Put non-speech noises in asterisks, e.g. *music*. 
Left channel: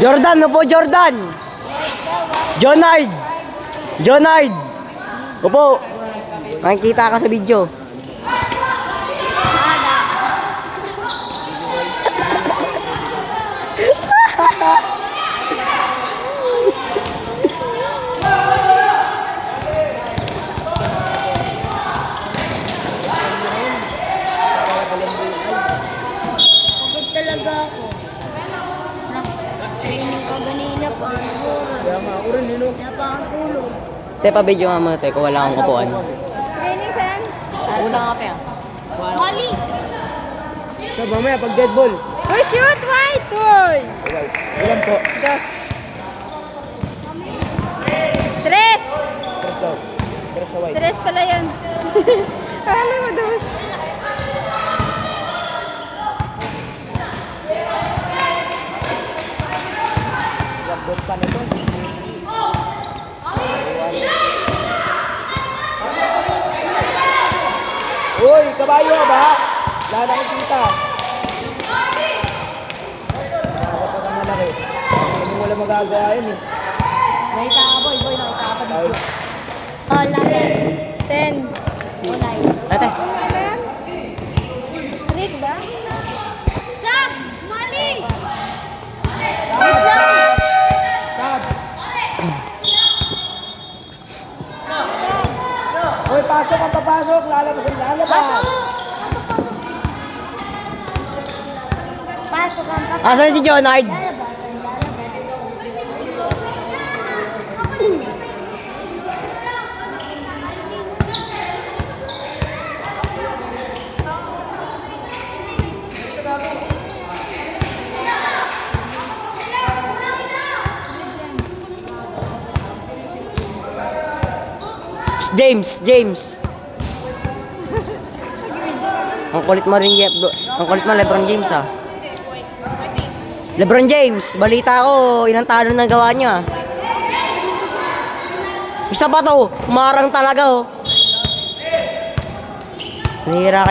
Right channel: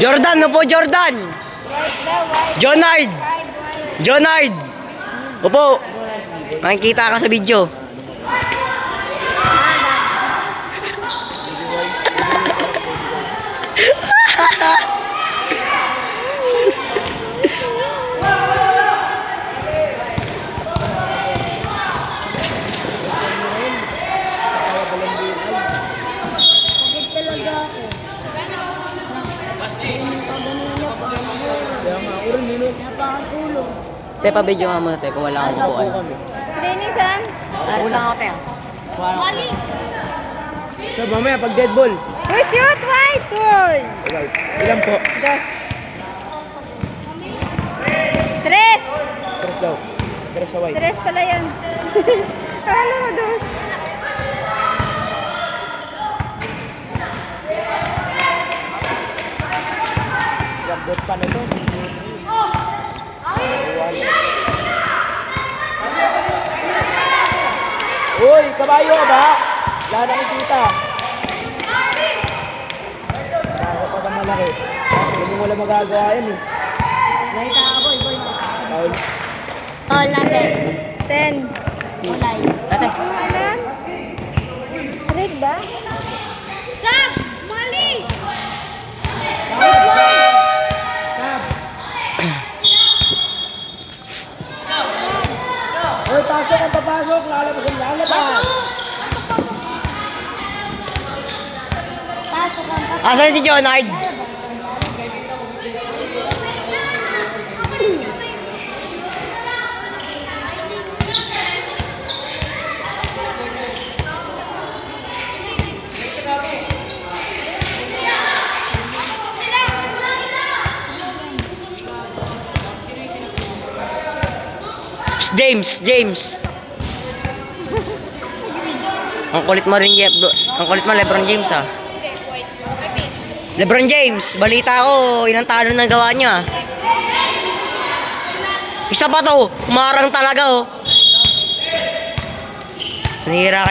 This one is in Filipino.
Jordan, upo Jordan. Jonard. Jonard. Upo. Makikita ka sa video. Napakatulog. Te, pa-video nga muna, te, kung wala akong kupuan. Training saan? Kulang ako, te. Bali. So, mamaya pag dead ball. Uy, shoot! White! Uy! Ilan po? Dos. Tres! Tres daw. Tres sa white. Tres pala yan. *laughs* Akala mo dos. Lambot pa na to. Uy, kabayo ba? Wala na kita. Pa kang malaki. Hindi mo wala magagawa eh. Nakita ka, boy, boy, nakita asan si Jonard? James, James. Ang kulit mo rin, Jeff. Ang kulit mo, Lebron James, ah. Lebron James, balita ko, ilang talo na gawa niya. Isa pa to, umarang talaga, oh. Nahira